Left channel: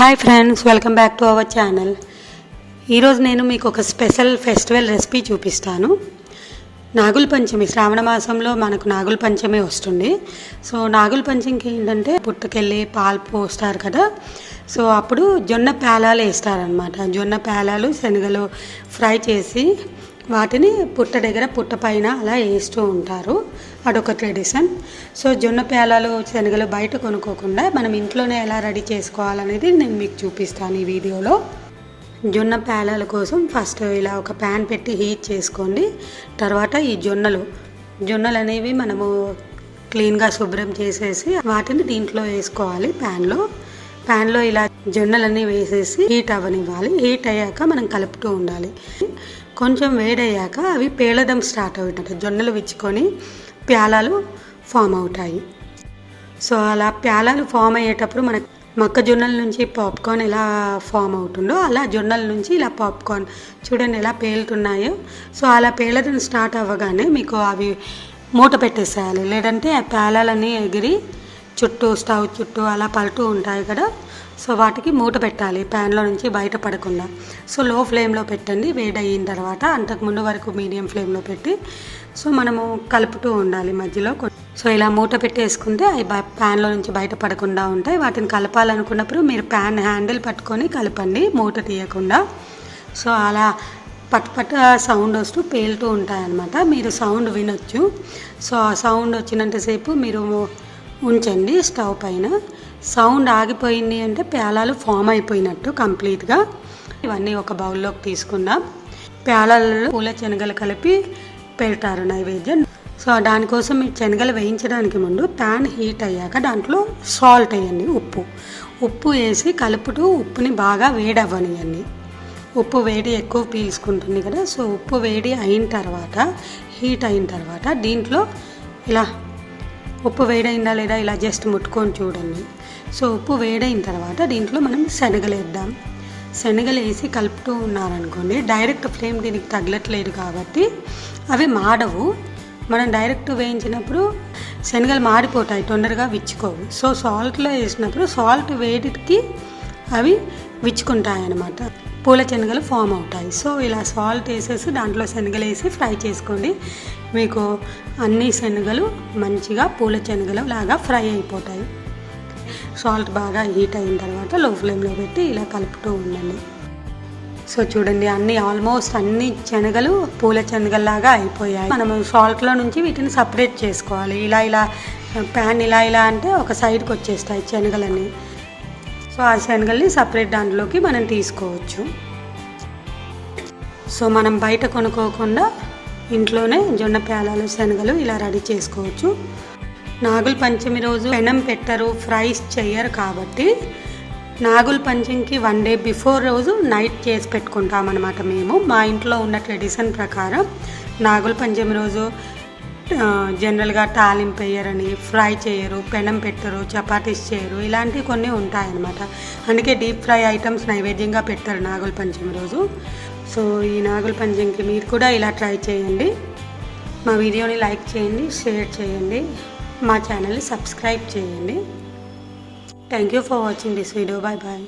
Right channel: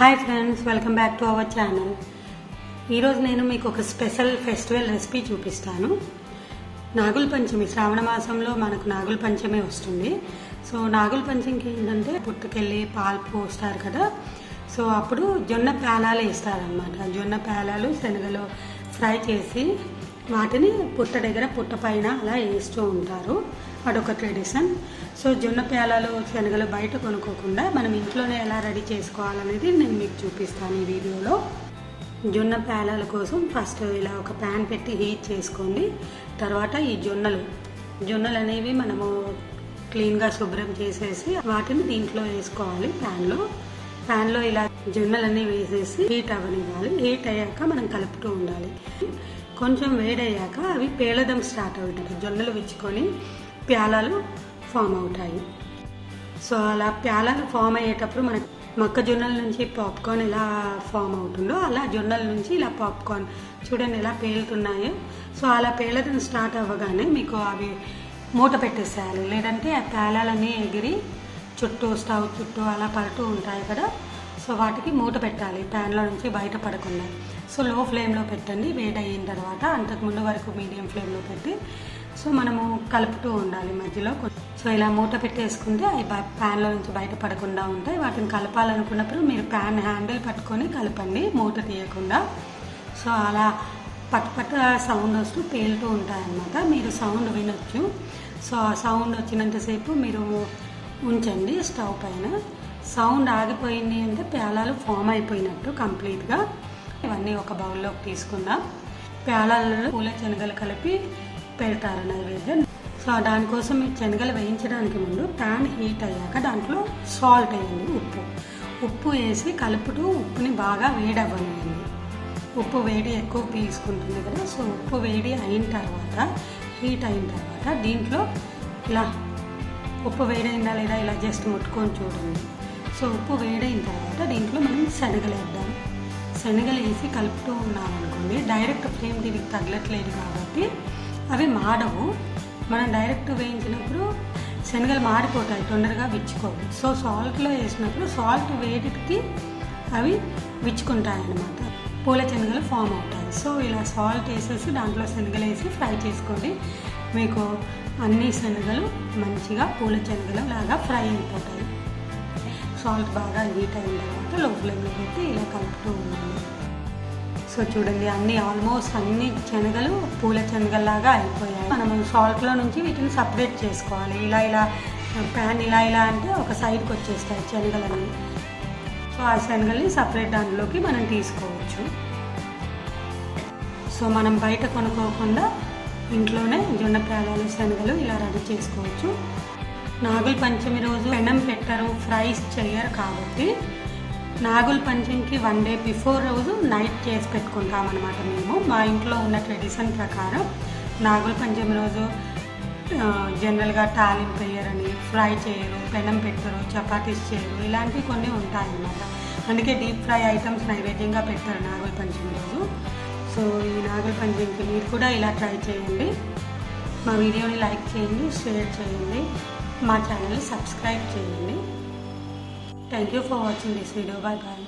Hi friends, welcome back to our channel. ఈరోజు నేను మీకు ఒక స్పెషల్ ఫెస్టివల్ రెసిపీ చూపిస్తాను. నాగుల పంచమి, శ్రావణ మాసంలో మనకు నాగుల పంచమి వస్తుంది. సో నాగుల పంచమికి ఏంటంటే పుట్టకెళ్ళి పాలు పోస్తారు కదా. సో అప్పుడు జొన్న పేలాలు వేస్తారనమాట. జొన్న పేలాలు శనగలు ఫ్రై చేసి వాటిని పుట్ట దగ్గర పుట్ట పైన అలా వేస్తూ ఉంటారు. అదొక ట్రెడిషన్. సో జొన్న పేలాలు శనగలు బయట కొనుక్కోకుండా మనం ఇంట్లోనే ఎలా రెడీ చేసుకోవాలనేది నేను మీకు చూపిస్తాను ఈ వీడియోలో. జొన్న పేలాల కోసం ఫస్ట్ ఇలా ఒక ప్యాన్ పెట్టి హీట్ చేసుకోండి. తర్వాత ఈ జొన్నలు అనేవి మనము క్లీన్గా శుభ్రం చేసేసి వాటిని దీంట్లో వేసుకోవాలి. ప్యాన్లో ఇలా జొన్నలన్నీ వేసేసి హీట్ అవ్వనివ్వాలి. హీట్ అయ్యాక మనం కలుపుతూ ఉండాలి. కొంచెం వేడయ్యాక అవి పేలడం స్టార్ట్ అవుతాయి. జొన్నలు విచ్చుకొని ప్యాలాలు ఫామ్ అవుతాయి. సో అలా ప్యాలాలు ఫామ్ అయ్యేటప్పుడు మనకు మొక్కజొన్నల నుంచి పాప్కార్న్ ఎలా ఫామ్ అవుతుందో అలా జొన్నల నుంచి ఇలా పాప్కార్న్ చూడండి ఎలా పేలుతున్నాయో. సో అలా పేలడం స్టార్ట్ అవ్వగానే మీకు అవి మూత పెట్టేసేయాలి. లేదంటే ఆ ప్యాలాలన్నీ ఎగిరి స్టవ్ చుట్టూ అలా పడుతూ ఉంటాయి కదా. సో వాటికి మూత పెట్టాలి ప్యాన్లో నుంచి బయట పడకుండా. సో లో ఫ్లేమ్లో పెట్టండి. వేడి అయిన తర్వాత అంతకుముందు వరకు మీడియం ఫ్లేమ్లో పెట్టి సో మనము కలుపుతూ ఉండాలి మధ్యలో. సో ఇలా మూత పెట్టేసుకుంటే అవి ప్యాన్లో నుంచి బయట పడకుండా ఉంటాయి. వాటిని కలపాలనుకున్నప్పుడు మీరు ప్యాన్ హ్యాండిల్ పట్టుకొని కలపండి మూత తీయకుండా. సో అలా పట్ సౌండ్ వస్తూ పేలుతూ ఉంటాయి అన్నమాట. మీరు సౌండ్ వినొచ్చు. సో ఆ సౌండ్ వచ్చినంతసేపు మీరు ఉంచండి స్టవ్ పైన. సౌండ్ ఆగిపోయింది అంటే పేలాలు ఫామ్ అయిపోయినట్టు కంప్లీట్గా. ఇవన్నీ ఒక బౌల్లోకి తీసుకుందాం. పేలాలలో పూల శనగలు కలిపి పెడతారు నైవేద్యం. సో దానికోసం మీ శనగలు వేయించడానికి ముందు ప్యాన్ హీట్ అయ్యాక దాంట్లో సాల్ట్ వేయండి, ఉప్పు వేసి కలుపుతూ ఉప్పుని బాగా వేడవ్వనియండి. ఉప్పు వేడి ఎక్కువ పీల్చుకుంటుంది కదా. సో ఉప్పు వేడి అయిన తర్వాత హీట్ అయిన తర్వాత దీంట్లో ఇలా ఉప్పు వేడైందా లేదా ఇలా జస్ట్ ముట్టుకొని చూడండి. సో ఉప్పు వేడైన తర్వాత దీంట్లో మనం శనగలు వేద్దాం. శనగలు వేసి కలుపుతూ ఉన్నారనుకోండి, డైరెక్ట్ ఫ్లేమ్ దీనికి తగలట్లేదు కాబట్టి అవి మాడవు. మనం డైరెక్ట్ వేయించినప్పుడు శనగలు మాడిపోతాయి, తొందరగా విచ్చుకోవు. సో సాల్ట్లో వేసినప్పుడు సాల్ట్ వేడికి అవి విచ్చుకుంటాయి అన్నమాట. పూల శనగలు ఫామ్ అవుతాయి. సో ఇలా సాల్ట్ వేసేసి దాంట్లో శనగలు వేసి ఫ్రై చేసుకోండి. మీకు అన్ని శనగలు మంచిగా పూల శనగలు లాగా ఫ్రై అయిపోతాయి. సాల్ట్ బాగా హీట్ అయిన తర్వాత లో ఫ్లేమ్లో పెట్టి ఇలా కలుపుతూ ఉండండి. సో చూడండి ఆల్మోస్ట్ అన్ని శనగలు పూల శనగల్లాగా అయిపోయాయి. మనము సాల్ట్లో నుంచి వీటిని సపరేట్ చేసుకోవాలి. ఇలా ప్యాన్ ఇలా అంటే ఒక సైడ్కి వచ్చేస్తాయి శనగలన్నీ. సో ఆ శనగల్ని సపరేట్ దాంట్లోకి మనం తీసుకోవచ్చు. సో మనం బయట కొనుక్కోకుండా ఇంట్లోనే జొన్న పేలాలు శనగలు ఇలా రెడీ చేసుకోవచ్చు. నాగుల పంచమి రోజు పెనం పెట్టరు, ఫ్రైస్ చెయ్యరు కాబట్టి నాగుల పంచమికి 1 day బిఫోర్ రోజు నైట్ చేసి పెట్టుకుంటామన్నమాట. మేము మా ఇంట్లో ఉన్న ట్రెడిషన్ ప్రకారం నాగుల పంచమి రోజు జనరల్గా తాలింపు వేయరని, ఫ్రై చేయరు, పెనం పెట్టరు, చపాతీస్ చేయరు, ఇలాంటివి కొన్ని ఉంటాయన్నమాట. అందుకే డీప్ ఫ్రై ఐటమ్స్ నైవేద్యంగా పెట్టారు నాగుల పంచమి రోజు. సో ఈ నాగుల పంచమికి మీరు కూడా ఇలా ట్రై చేయండి. మా వీడియోని లైక్ చేయండి, షేర్ చేయండి, మా ఛానల్ని సబ్స్క్రైబ్ చేయండి. Thank you for watching this video. Bye bye.